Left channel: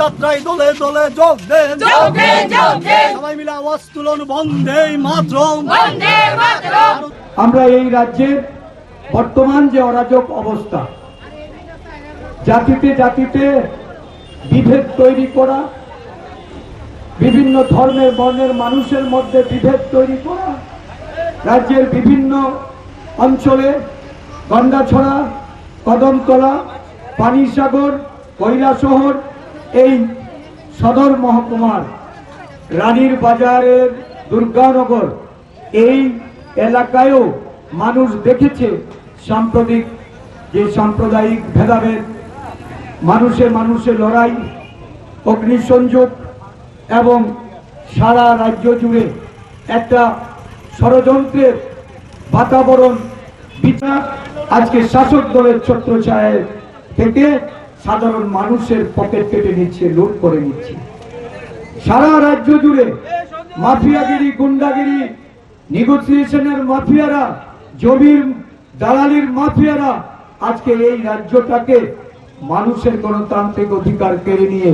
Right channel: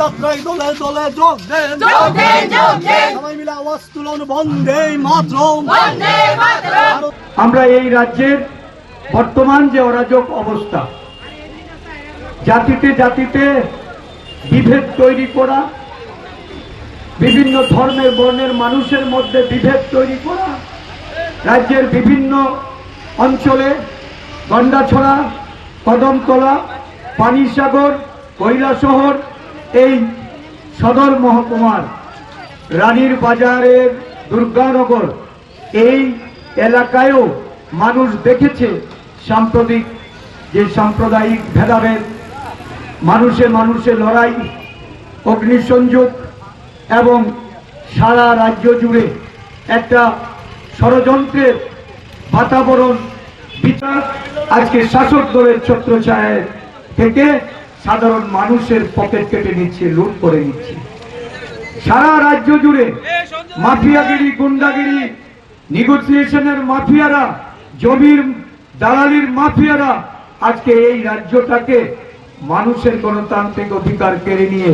যাত্রায় দলে দলে। সবাই মিলে আমরা এই রাজ্যের বর্তমান যে অরাজক অবস্থা, জাতিতে জাতিতে বিভেদ তৈরি করা, বিভিন্ন ধর্মের বর্ণের মানুষের মধ্যে বিভেদ তৈরি করা, রাজ্যের বিভিন্ন অঞ্চলে গন্ডাছড়া কদমতলা, পানিসাগর কৈলাসহর এই সদর মহকুমার রানীর বাজারের দুর্গানগর, এই এলাকায়ও মানুষ দেখেছে সাম্প্রতিক যে সাম্প্রদায়িক ভেদাভেদ, মানুষে মানুষে লড়াই, অগ্নিসংযোগ এবং সারা রাজ্য জুড়ে একটা ষড়যন্ত্রের বাতাবরণ বিচার আজকে শাসক দলের ছত্রছায়ায় থেকে সাধারণ মানুষের পকেট কেটে নিচ্ছে লুট করে নিচ্ছে। সারা রাজ্য জুড়ে মাফিয়াগিরি, গুন্ডাগিরি নেগোসিয়েশনের মাফিয়ারা, জমির দালালির মাফিয়ারা আজকে এই রাজ্যটাকে মানুষের গণতান্ত্রিক অধিকার কেড়ে নিয়ে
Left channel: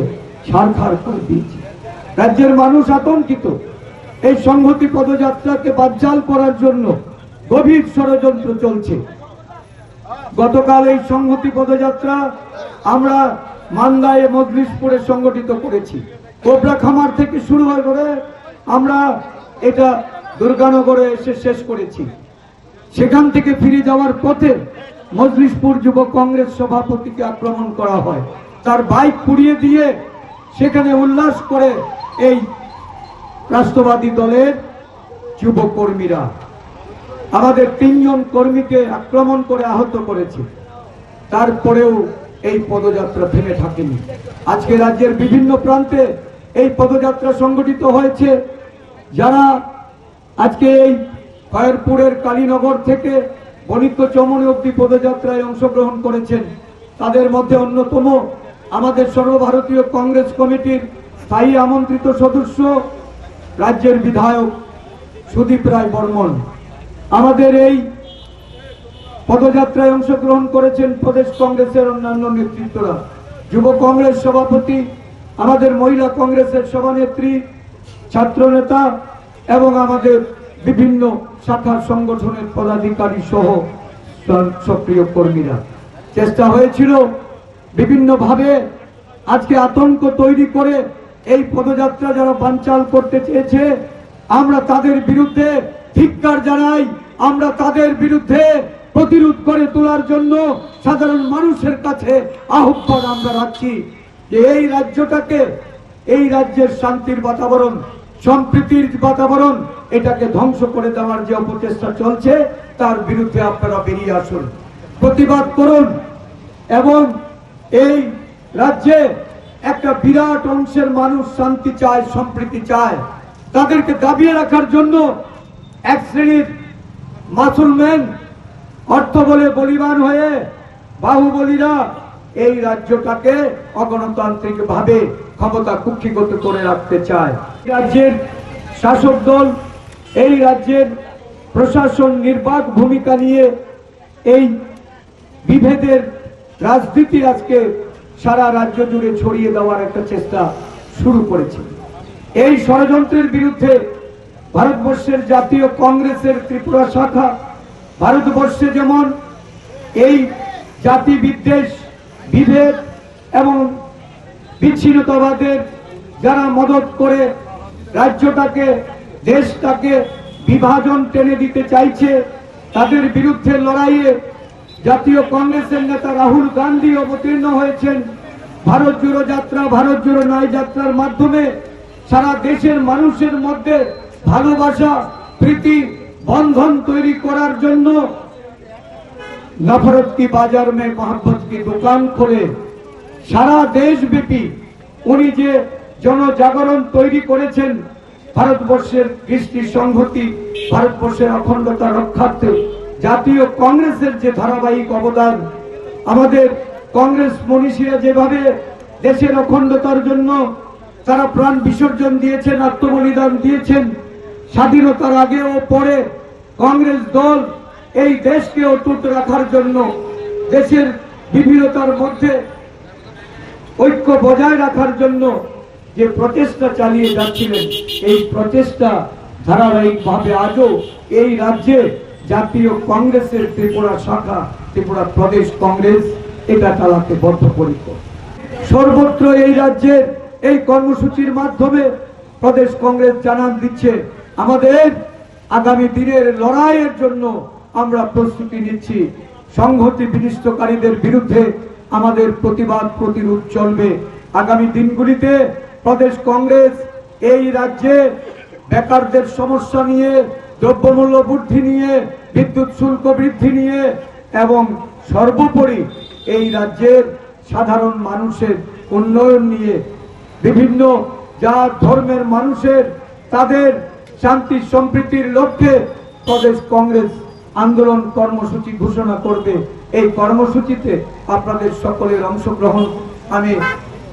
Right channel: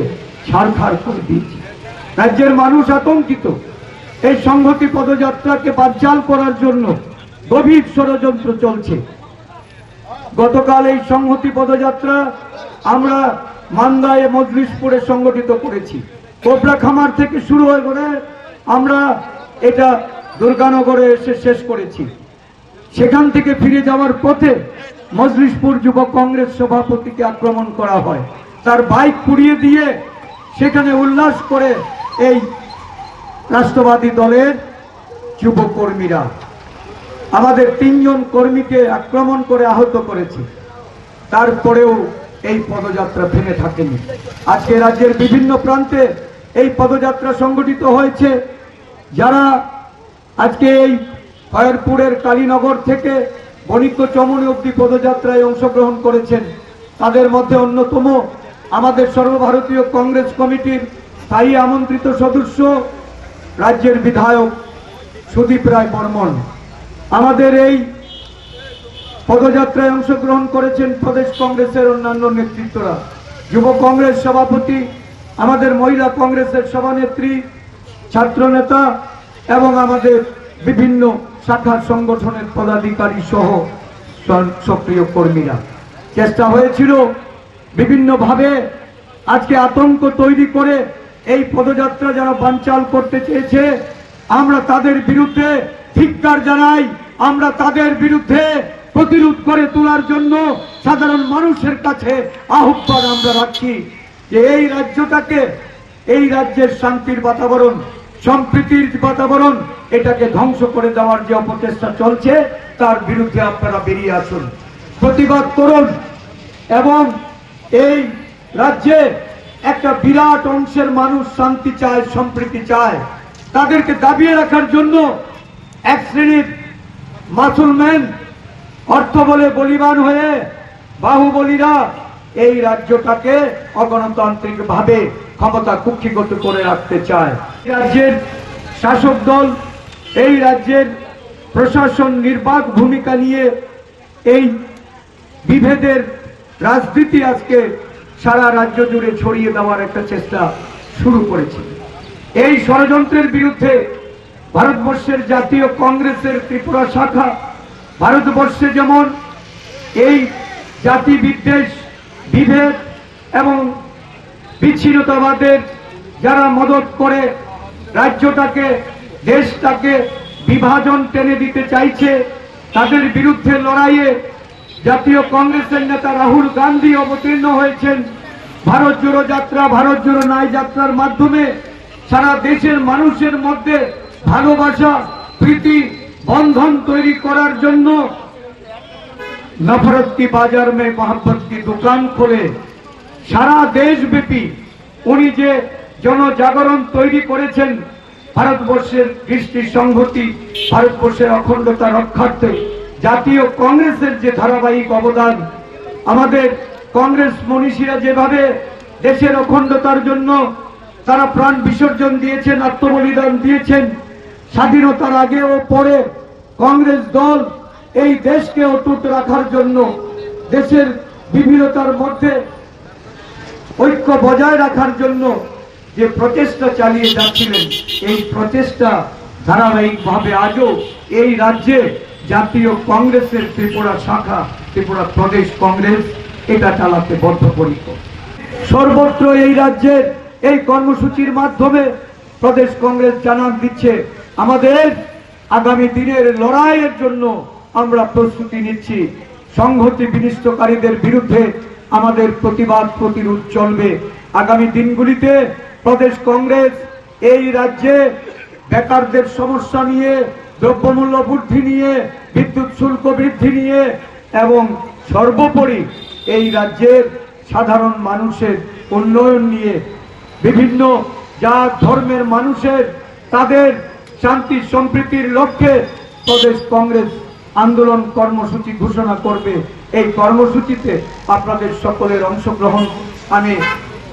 ছাড়খাড় করে দিয়েছে রাজ্যের মানুষ আতঙ্কিত। এই সংহতি পদযাত্রাকে বানচাল করার জন্য গভীর ষড়যন্ত্র চলছে। গতকাল এই সংহতি পদযাত্রা আমরা মান্দায় মজলিশপুরে সংগঠিত করেছি। কোবরা খামার থেকে শুরু হয়ে করে আমরা এটা দুর্গানগরে এসে শেষ করেছি। সেখান থেকে ফিরে যাওয়ার পথে মজলিশপুর যুব কংগ্রেস সভাপতিকে আক্রমণ করা হয়। তার বাইক পুড়িয়ে দিয়ে সেখানে উল্লাস করে এই রাষ্ট্রবাদী দলের যুবকর্মীরা আমাদের তিনজন কর্মীকে আক্রমণ করে আহত করেছে। তারপরেও এই পদযাত্রা ভেঙে থাকেনি। আজকে রাজ্যের বিভিন্ন প্রান্তে এই পদযাত্রা সংগঠিত হয়েছে। যারা আজকে এই ফয়ারপুরের কালীনগর থেকে বণিক চমন অব্দি পদযাত্রায় অংশগ্রহণ করেছেন, তাদের মধ্যে অন্যতম আমাদের সর্বভারতীয় কংগ্রেস কমিটির স্থায়ী আমন্ত্রিত সদস্য রাজ্যের বিধায়ক সুদীপ রায় বর্মন। আমাদের এই পদযাত্রায় অংশগ্রহণ করেছেন প্রদেশ কংগ্রেসের অন্যান্য নেতৃত্বরা। যুব কংগ্রেস সভাপতি, আমাদের মহিলা কংগ্রেসের সভানেত্রী ছাত্র নেতা এবং আমাদের বিভিন্ন শাখা সংগঠনের পদাধিকারী সহ সক্রিয় কর্মীরা। চেষ্টা হয়েছিল বিভিন্নভাবে আজকে আতঙ্ক তৈরি করে এই পদযাত্রা যারা বানচাল করতে চেয়েছে, আমরা তাদের বিরুদ্ধে ধিক্কার জানাই, আমরা তাদের বিরুদ্ধে প্রতিরোধ করে তোলার জন্য সাধারণ মানুষের কাছে আহ্বান আমরা রাখছি যে এই রাজ্যটাকে, এই রাজ্যের শান্তির বাতাবরণ, সম্প্রীতির বাতাবরণ, এটাকে ধ্বংস করে দেওয়ার যে অপচেষ্টা চলছে, তার বিরুদ্ধে আপনারা বেরিয়ে আসুন। প্রতিবাদ করুন এবং এই রাজ্যে একটা বিরাট অংশের মানুষ শান্তি চায়, সম্প্রীতি চায়। তাদেরকে দাবিয়ে রাখার জন্য এক শ্রেণির মাসুলম্যান অর্থ বলে বলিবান হয়ে বাহুবলীরা এই রাজ্যটাকে অগণতান্ত্রিক ভাবে ক্ষমতা কুক্ষিগত করে রাখতে চায়। রাজ্যের শাসক দল, এই রাজ্যের প্রশাসন নির্বাক ভূমিকা নিয়ে এই বিভেদের রাজনীতি আজকে সারা রাজ্য জুড়ে ছড়িয়ে দেওয়ার একটা চেষ্টা শুরু করেছে। এই ষড়যন্ত্রের বিরুদ্ধে ভারতবর্ষের জাতীয় কংগ্রেসের ত্রিপুরা শাখা ভারতবর্ষে যেমন এই জাতি বিদ্বেষ, বিভেদ এবং বিচ্ছিন্নতাবাদের যারা মদত করে রাজ্যটাকে, দেশটাকে বিভাজন টেনে দিতে চাইছে, তাদের বিরুদ্ধে লড়াইয়ে জাতীয় কংগ্রেসের নেতা রাহুল গান্ধী অবতীর্ণ হয়েছেন। ভারত জোড়ো যাত্রা, ভারত জোড়ো নাই যাত্রার মাধ্যমে সারা দেশের মানুষের মধ্যে ভালোবাসা, প্রীতি বন্ধন তৈরি করার জন্য নফরত কি বাজার মে মোহাম্মত কি দোকান খুলে। সারা দেশব্যাপী উনি যে জনজাগরণ তৈরি করেছেন, ভারতবর্ষের কৃষ্টি সংহতি, ভারতবর্ষের অখণ্ডতা রক্ষার্থে জাতীয় কংগ্রেসের যে ধারাবাহিক অবদান, আমাদের কংগ্রেস মনীষীরা যেভাবে দেশের অখণ্ডতার জন্য তারা প্রাণ বিসর্জন দিয়েছেন, আত্মবলিদান দিয়েছেন, স্বাধীনতার আগে ও পরে কংগ্রেস দল এই দেশকে অটুট রাখার জন্য দেশের বিভিন্নতার মধ্যে ঐক্য বজায় রাখার জন্য যে প্রচেষ্টা চালিয়ে যাচ্ছিলেন, এই প্রচেষ্টা ধারাবাহিকভাবে আজও এই রাজ্যে জাতীয় কংগ্রেসের ত্রিপুরা শাখা, ত্রিপুরা প্রদেশ কংগ্রেস এটা চালাতে বদ্ধপরিকর। সর্বত্র এই রাজ্যের এই কর্মসূচির মাধ্যমে প্রদেশ কংগ্রেস জানান দিচ্ছে, আমাদের আগামী দিনের লড়াইয়ের জন্য আমরা প্রস্তুতি নিচ্ছি। সংহতি বিনিষ্টকারীদের বিরুদ্ধে আমাদের প্রতিবাদ প্রতিরোধ চলবে। আগামী দিনগুলিতে প্রদেশ কংগ্রেস এই রাজ্যে বেকারদের সমস্যা নিয়ে, দ্রব্যমূল্য বৃদ্ধি নিয়ে, বিদ্যুৎ শুল্ক বৃদ্ধি নিয়ে এবং সর্বোপরি এই রাজ্যের সাধারণ মানুষের উন্নয়ন নিয়ে বিভিন্ন জাত ধর্মের মানুষের তাদের শান্তি সম্প্রীতির লক্ষ্যে প্রদেশ কংগ্রেস আন্দোলন কর্মসূচি ঘোষণা করবে। এই কর্মসূচিতে আপনাদের সকলের অংশগ্রহণ। আমি